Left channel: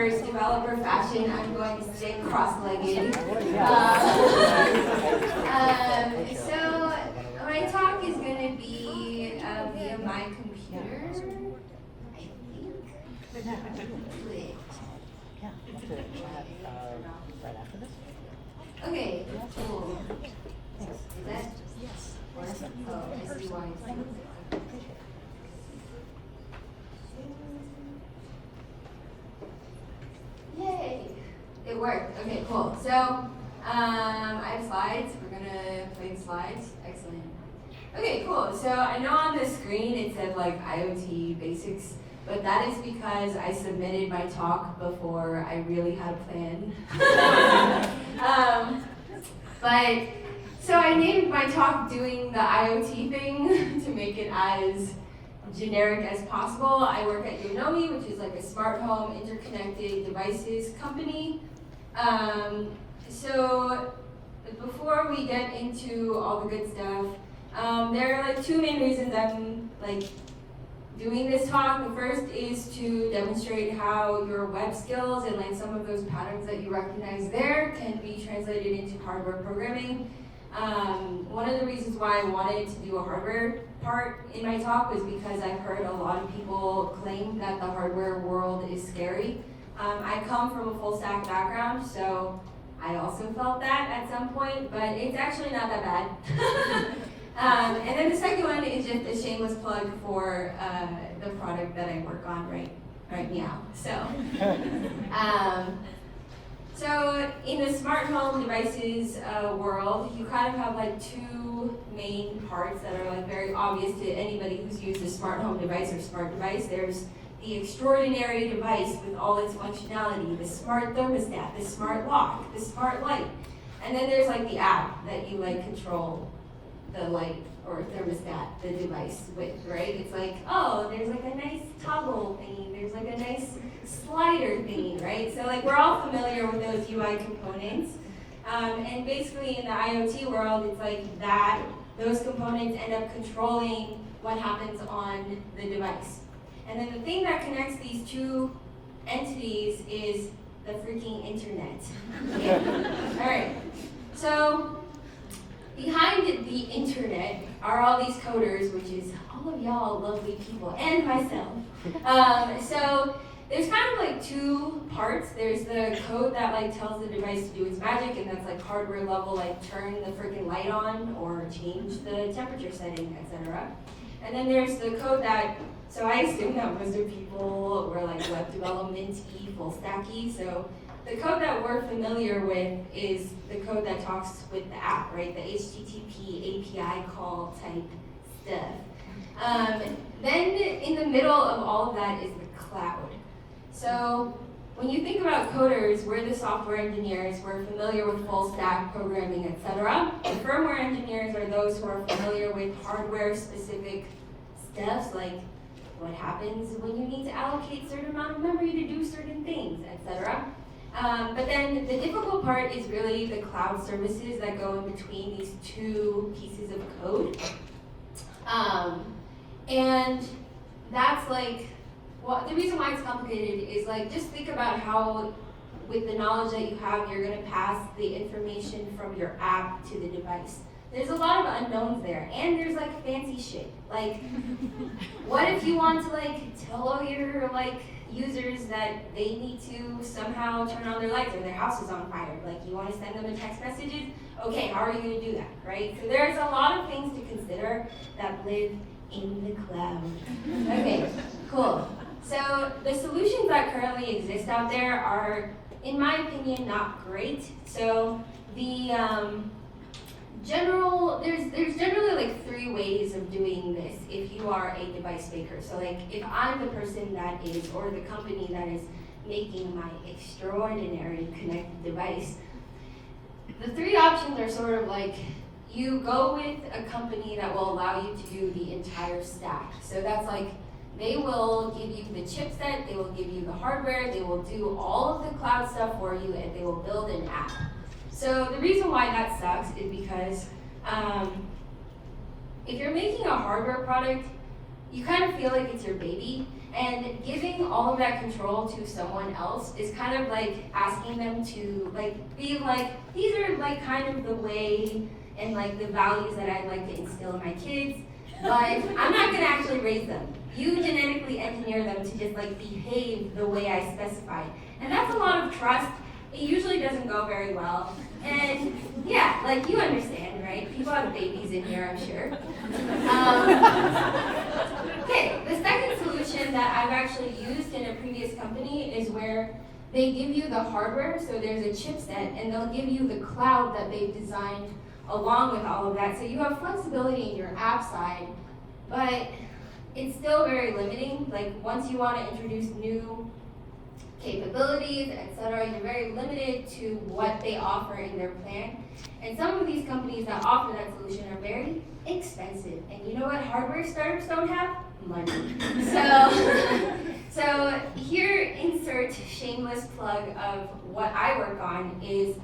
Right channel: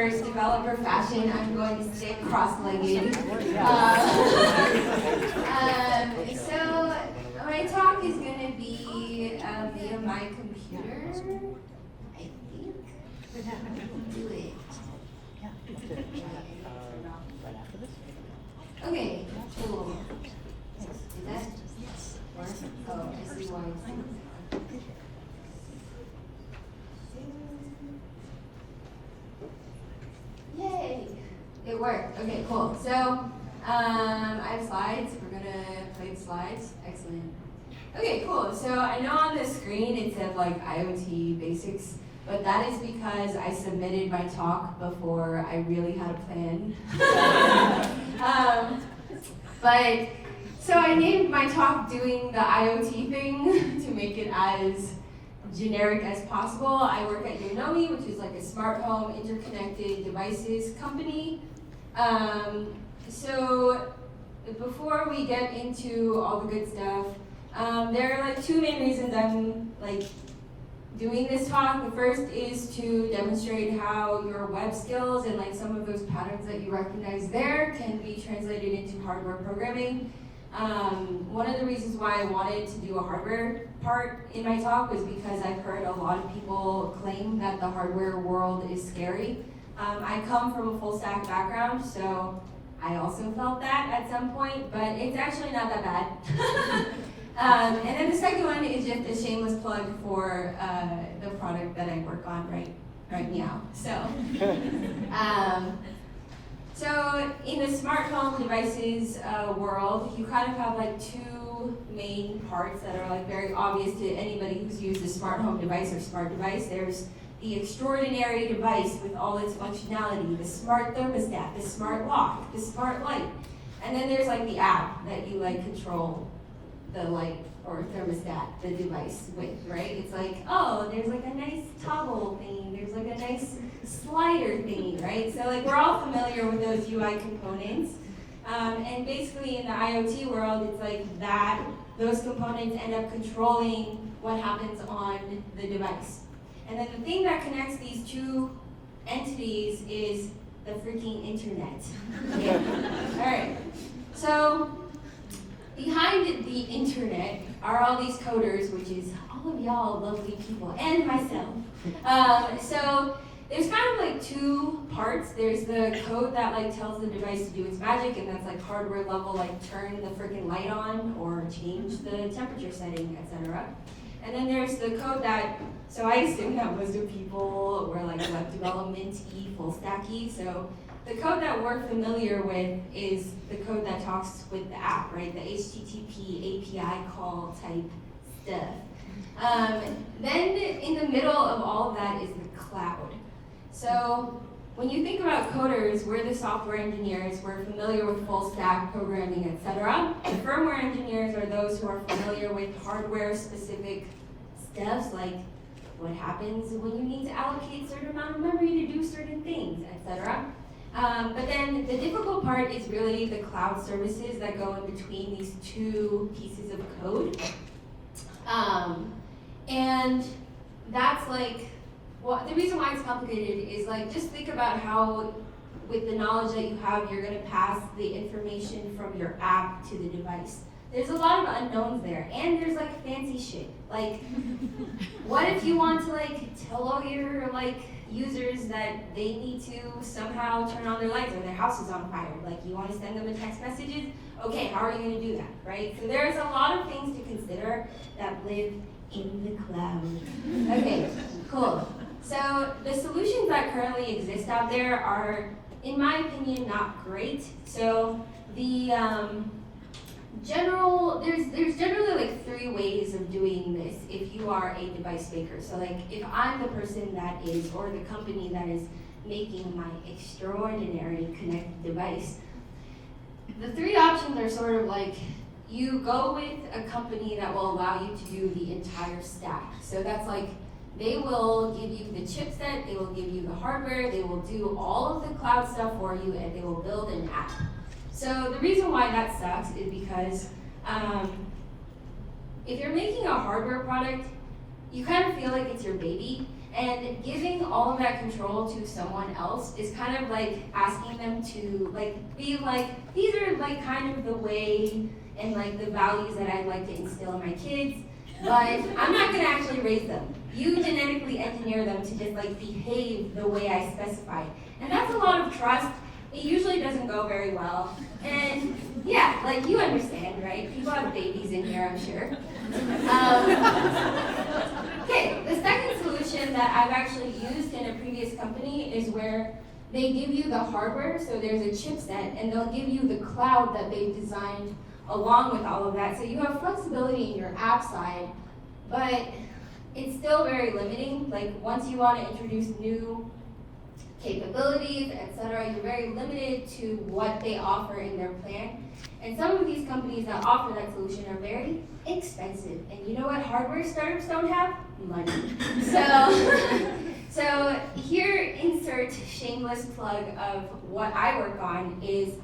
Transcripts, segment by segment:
reverse developer fashion, I'm going to sit cross-legged. So my talk is going to be via my computer, I think. Do it. Okay, cool. Is that? Yes. Oh, I see why. Yay! It worked. Okay, cool. So, I have slides. We're gonna play the slides. Excellent. Okay, cool. So I know on the screen it said like IoT basics, but that is because I submitted my talk before I really had a plan. But so I named my talk doing the IoT thing to make it as generic as possible. I work at Yonomi, which is like a smart home interconnected devices company. So before we get into all the good stuff, there are like two main reasons I'm like doing this talk. The first is to demonstrate how your web skills and like some of those patterns that you recognize there can be translated into hardware programming. One of the reasons why I wanted to do a hardware part in my talk was because I've heard a lot of people claim that the hardware world is scary. I come from a full stack background, so I also felt that at some point, but it's actually not that bad. And then the second one is just a shameless plug for the product that I work on right now. So in the smart home devices world, you kind of have like two main parts that are like very obvious to anybody who's used a smart home device or smart device. There's the extraordinary device with all its functionality, the smart thermostat, the smart lock, the smart light. And then there's like the app that you like control the light or thermostat, the device with, right? It's like, oh, there's like a nice toggle thingy, there's like a nice slider thingy, right? So like we're all familiar with those UI components. And basically in the IoT world, it's like that, those components end up controlling what happens on the device. And then the thing that connects these two entities is the freaking internet. Okay? All right, so behind the internet are all these coders, which is all of y'all lovely people, and myself. So there's kind of like two parts. There's the code that like tells the device to do its magic, and that's like hardware level, like turn the freaking light on or change the temperature setting, etc. And then there's the code that, so I assume that most of people were like web development-y, full stacky. So the code that we're familiar with is the code that talks with the app, right? The HTTP API call type stuff. Then in the middle of all of that is the cloud. So when you think about coders, we're the software engineers, we're familiar with full stack programming, etc. The firmware engineers are those who are familiar with hardware specific stuff, like what happens when you need to allocate a certain amount of memory to do certain things, etc. But then the difficult part is really the cloud services that go in between these two pieces of code. And that's like, well, the reason why it's complicated is like, just think about how, with the knowledge that you have, you're gonna pass the information from your app to the device. There's a lot of unknowns there, and there's like fancy shit. Like, what if you want to like tell all your like users that they need to somehow turn on their lights or their house is on fire? Like, you want to send them a text messages? Okay, how are you going to do that, right? So there's a lot of things to consider that live in the cloud. Okay, cool. So the solutions that currently exist out there are, in my opinion, not great. So the there's generally like three ways of doing this if you are a device maker. So like if I'm the person that is, or the company that is making my extraordinary connected device, the three options are sort of like, you go with a company that will allow you to do the entire stack. So that's like, they will give you the chipset, they will give you the hardware, they will do all of the cloud stuff for you, and they will build an app. So the reason why that sucks is because if you're making a hardware product, you kind of feel like it's your baby, And giving all of that control to someone else is kind of like asking them to like be like, these are like kind of the way and like the values that I'd like to instill in my kids, but I'm not gonna actually raise them. You genetically engineer them to just like behave the way I specified. And that's a lot of trust. It usually doesn't go very well. And yeah, like you understand, right? People have babies in here, I'm sure. Okay, the second solution that I've actually used in a previous company is where they give you the hardware, so there's a chipset, and they'll give you the cloud that they've designed along with all of that. So you have flexibility in your app side, but it's still very limiting. Like once you want to introduce new capabilities, etc., you're very limited to what they offer in their plan. And some of these companies that offer that solution are very expensive. And you know what hardware startups don't have? Money. So here, insert shameless plug of what I work on is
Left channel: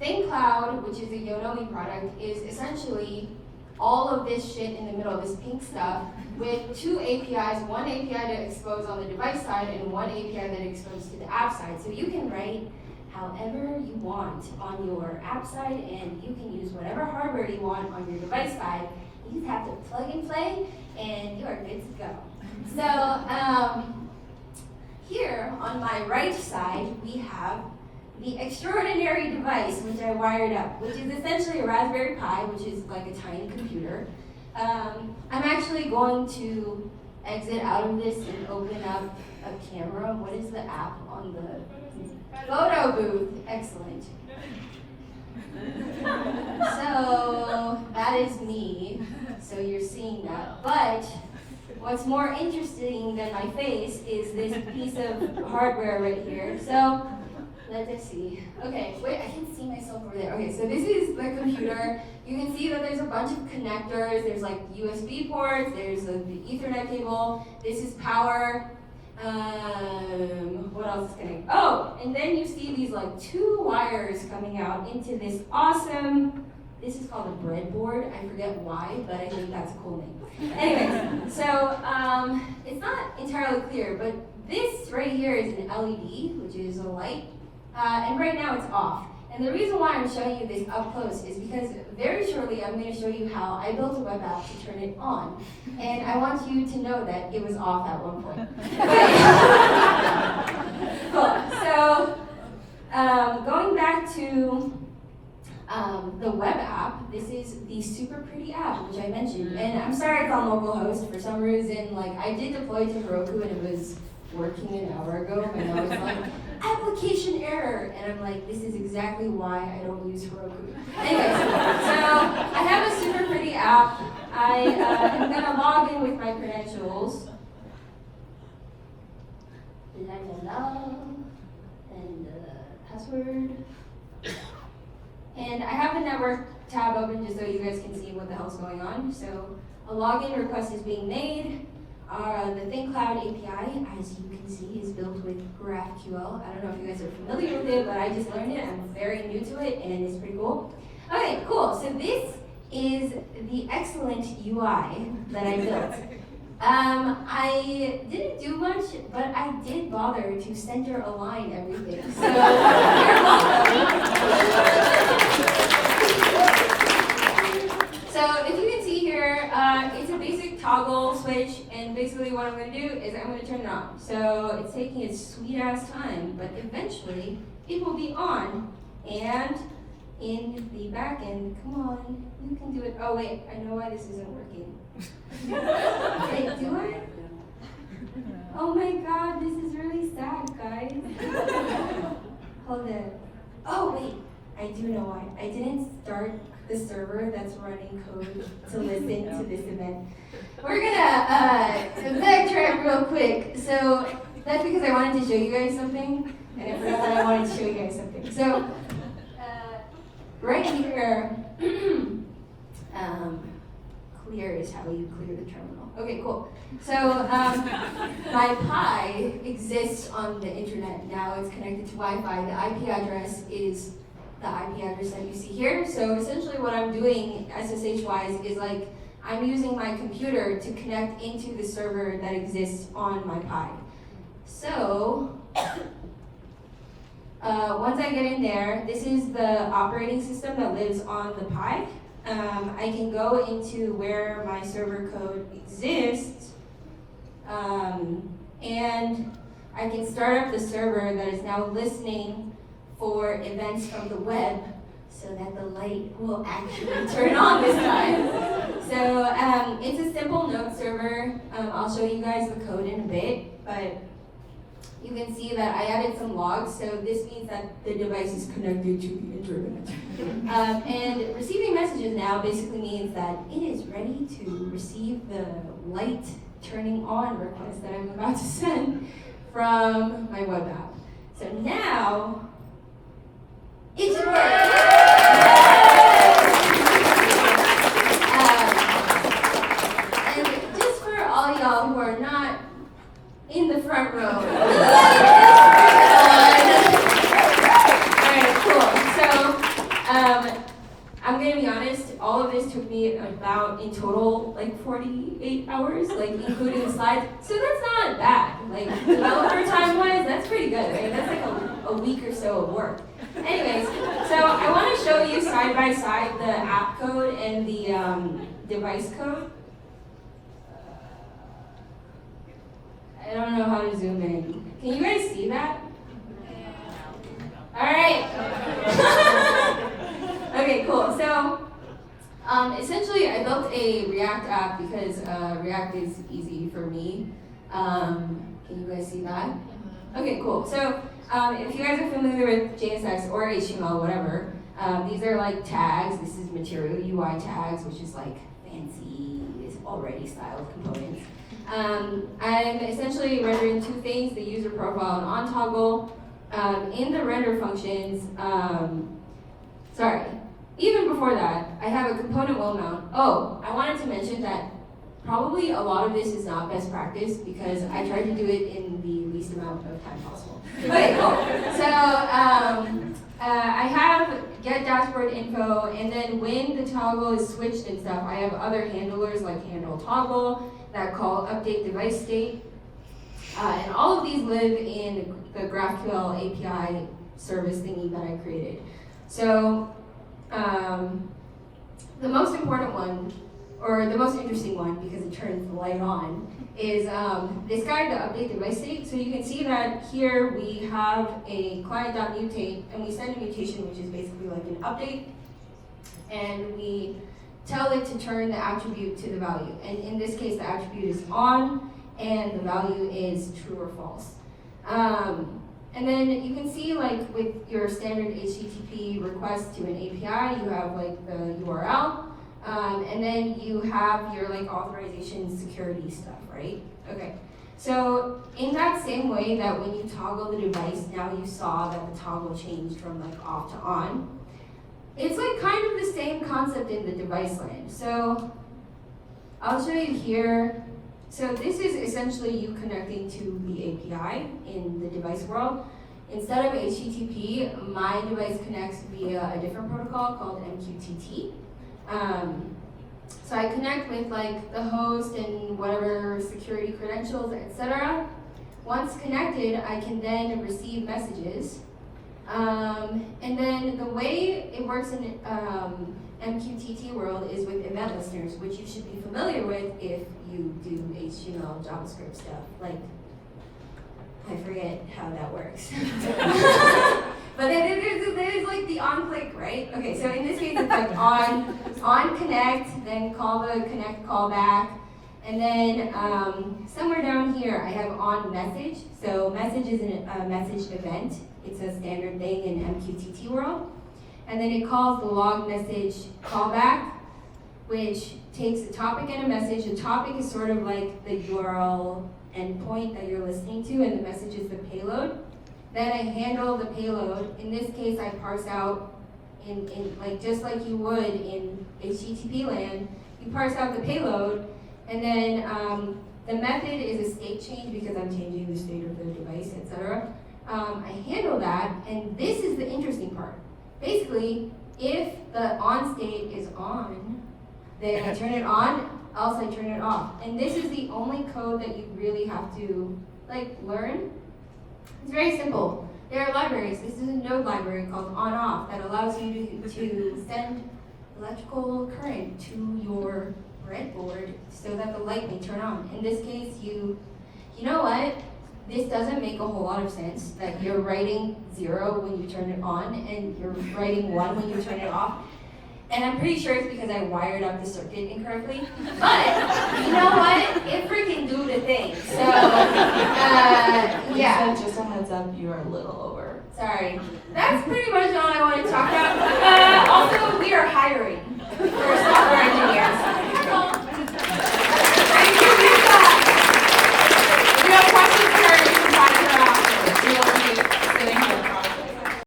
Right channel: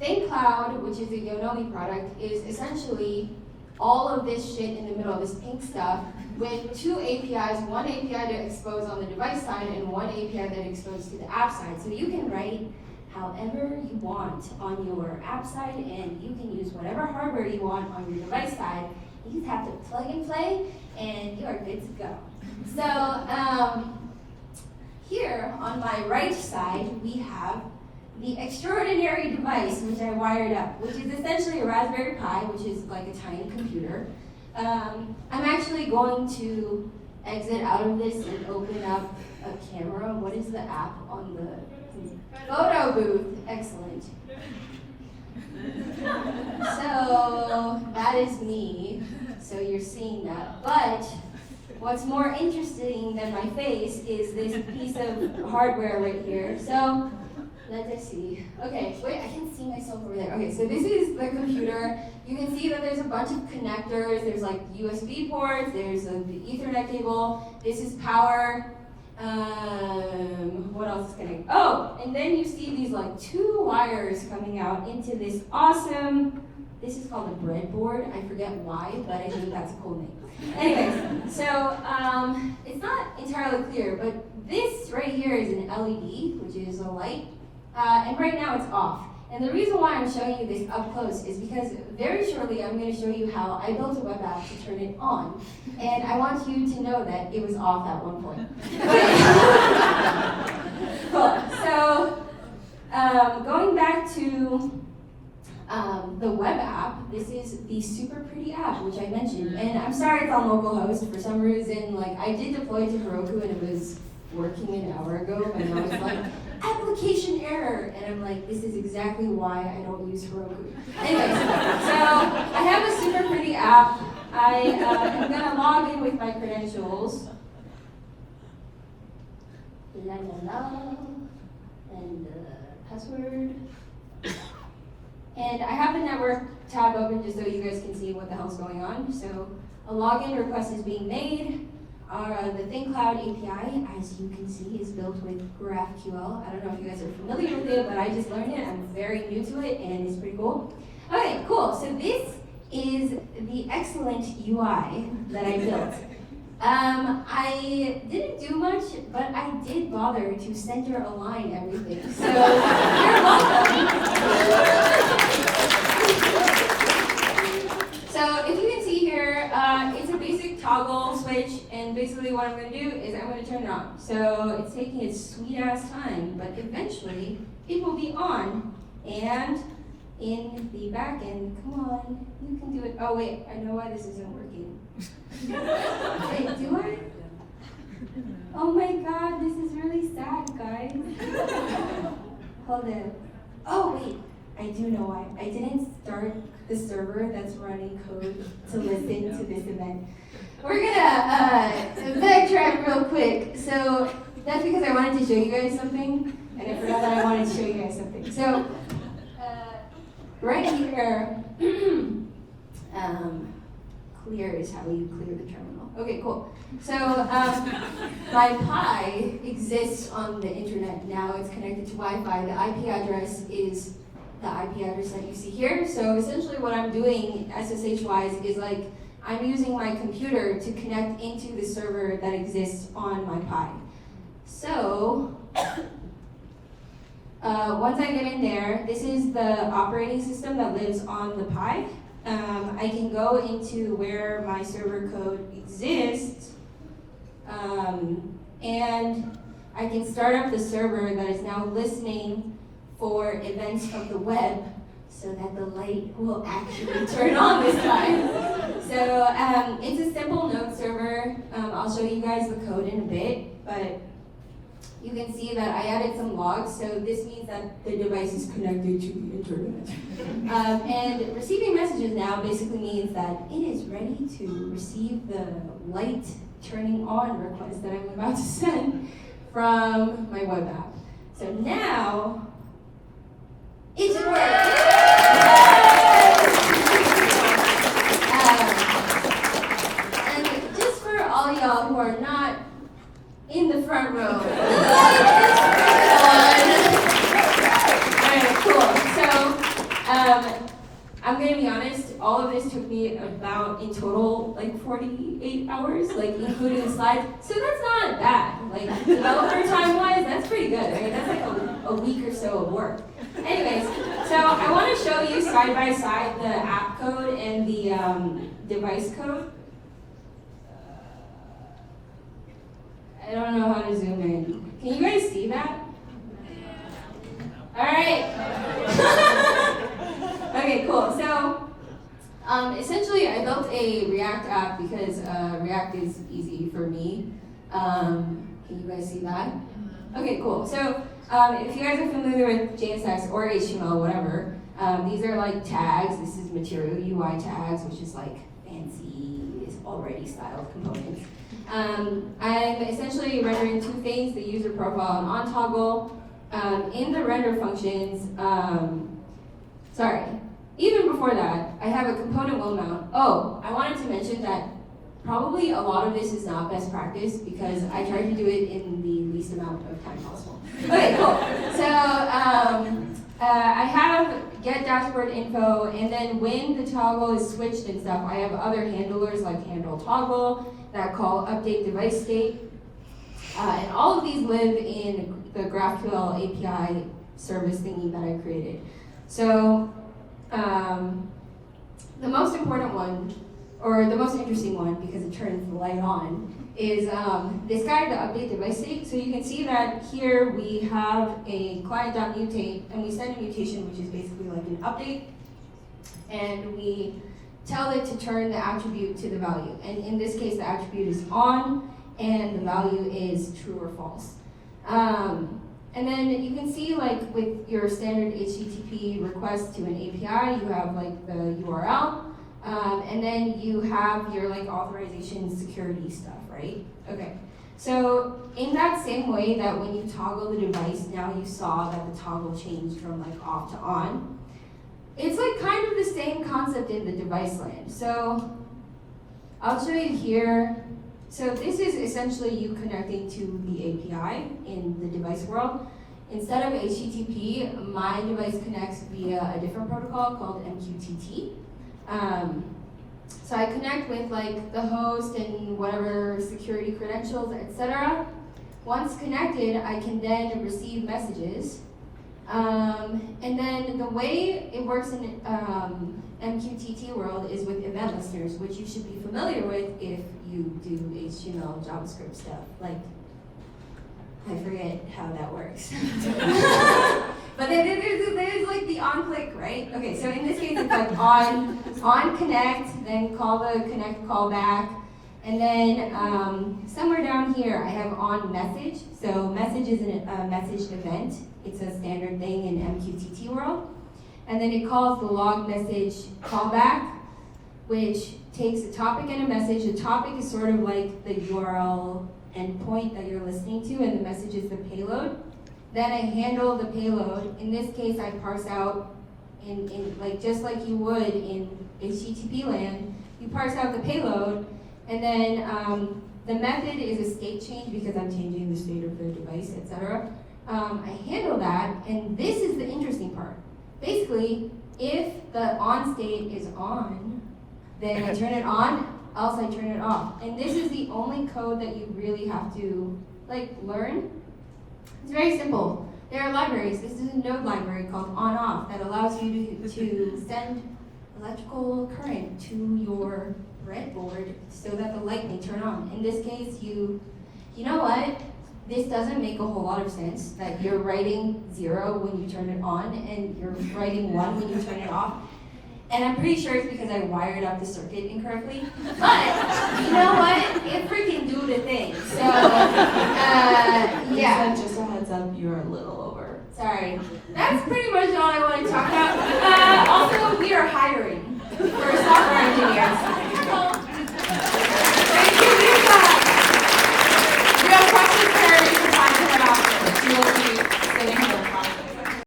ThinkCloud, which is a Yonomi product, is essentially all of this shit in the middle, this pink stuff, with two APIs, one API to expose on the device side and one API that exposes to the app side. So you can write however you want on your app side, and you can use whatever hardware you want on your device side. You just have to plug and play, and you are good to go. So here on my right side, we have the extraordinary device which I wired up, which is essentially a Raspberry Pi, which is like a tiny computer. I'm actually going to exit out of this and open up a camera. What is the app on the photo booth? Excellent. So that is me. So you're seeing that. But what's more interesting than my face is this piece of hardware right here. So let's see. Okay, wait, I can see myself over there. Okay, so this is the computer. You can see that there's a bunch of connectors. There's like USB ports. There's the Ethernet cable. This is power. What else is connected? Oh, and then you see these like two wires coming out into this awesome, this is called a breadboard. I forget why, but I think that's a cool name. Anyways, so it's not entirely clear, but this right here is an LED, which is a light. And right now it's off. And the reason why I'm showing you this up close is because very shortly I'm going to show you how I built a web app to turn it on. And I want you to know that it was off at one point. Cool. So going back to the web app, this is the super pretty app, which I mentioned. And I'm sorry it's on localhost. For some reason, like I did deploy to Heroku and it was working an hour ago, and I was like, application error, and I'm like, this is exactly why I don't use Heroku. Anyways, so I have a super pretty app. I am gonna log in with my credentials. La la la, and the password. And I have the network tab open just so you guys can see what the hell's going on. So a login request is being made. The ThinkCloud API, as you can see, is built with GraphQL. I don't know if you guys are familiar with it, but I just learned it. I'm very new to it, and it's pretty cool. Okay, cool. So this is the excellent UI that I built. I didn't do much, but I did bother to center align everything. So you're welcome. So if you can see here, it's a basic toggle switch, and basically what I'm going to do is I'm going to turn it on. So it's taking its sweet ass time, but eventually it will be on. And in the back end, come on, you can do it. Oh wait, I know why this isn't working. Wait, do I? Oh my god, this is really sad, guys. Hold on. Oh wait, I do know why. I didn't start the server that's running code to listen to this event. We're gonna backtrack real quick. So that's because I wanted to show you guys something, and I forgot that I wanted to show you guys something. So right here, clear is how you clear the terminal. Okay, cool. So my Pi exists on the internet now. It's connected to Wi-Fi. The IP address is the IP address that you see here. So essentially what I'm doing SSH-wise is like I'm using my computer to connect into the server that exists on my Pi. So, once I get in there, this is the operating system that lives on the Pi. I can go into where my server code exists, and I can start up the server that is now listening for events from the web so that the light will actually turn on this time. So it's a simple node server. I'll show you guys the code in a bit, but you can see that I added some logs, so this means that the device is connected to the internet. And receiving messages now basically means that it is ready to receive the light turning on request that I'm about to send from my web app. So now, it's working! And just for all y'all who are not in the front row. Alright, cool. So, I'm gonna be honest, all of this took me about, in total, like 48 hours, like including the slides. So that's not bad. Like, developer time-wise, that's pretty good. I mean, that's like a week or so of work. Anyways, so I want to show you side by side the app code and the device code. I don't know how to zoom in. Can you guys see that? All right. Okay, cool. So, essentially, I built a React app because React is easy for me. Can you guys see that? Okay, cool. So, if you guys are familiar with JSX or HTML, whatever, these are like tags. This is material UI tags, which is like fancy, is already styled components. I'm essentially rendering two things, the user profile and on toggle. In the render functions, even before that, I have a component will mount. Oh, I wanted to mention that probably a lot of this is not best practice because I tried to do it in the least amount of time possible. Okay, cool. So I have get dashboard info, and then when the toggle is switched and stuff, I have other handlers like handle toggle that call update device state. And all of these live in the GraphQL API service thingy that I created. So the most important one, or the most interesting one, because it turns the light on, is this guy, the update device state. So you can see that here we have a client.mutate, and we send a mutation, which is basically like an update, and we tell it to turn the attribute to the value. And in this case, the attribute is on, and the value is true or false. And then you can see, like, with your standard HTTP request to an API, you have like the URL, and then you have your like authorization security stuff, right? Okay. So in that same way that when you toggle the device, now you saw that the toggle changed from like off to on. It's like kind of the same concept in the device land. So I'll show you here. So this is essentially you connecting to the API in the device world. Instead of HTTP, my device connects via a different protocol called MQTT. So I connect with like the host and whatever security credentials, etc. Once connected, I can then receive messages. And then the way it works in MQTT world is with event listers, which you should be familiar with if you do HTML, JavaScript stuff. Like, I forget how that works. But then there's like the on click, right? Okay, so in this case it's like on connect, then call the connect callback, and then somewhere down here I have on message. So message is a messaged event. It's a standard thing in MQTT world. And then it calls the log message callback, which takes a topic and a message. The topic is sort of like the URL endpoint that you're listening to, and the message is the payload. Then I handle the payload. In this case, I parse out in like just like you would in HTTP land. You parse out the payload, and then the method is a state change because I'm changing the state of the device, etc. I handle that, and this is the interesting part. Basically, if the on state is on, then I turn it on. else I turn it off. And this is the only code that you really have to learn. It's very simple. There are libraries. This is a node library called on-off that allows you to send electrical current to your breadboard so that the light may turn on. In this case, you know what? This doesn't make a whole lot of sense that you're writing 0 when you turn it on and you're writing 1 when you turn it off. And I'm pretty sure it's because I wired up the circuit incorrectly. But you know what? It freaking do the thing. So, yeah. So just a heads up, you are a little over. Sorry. That's pretty much all I want to talk about. Also, we are hiring for a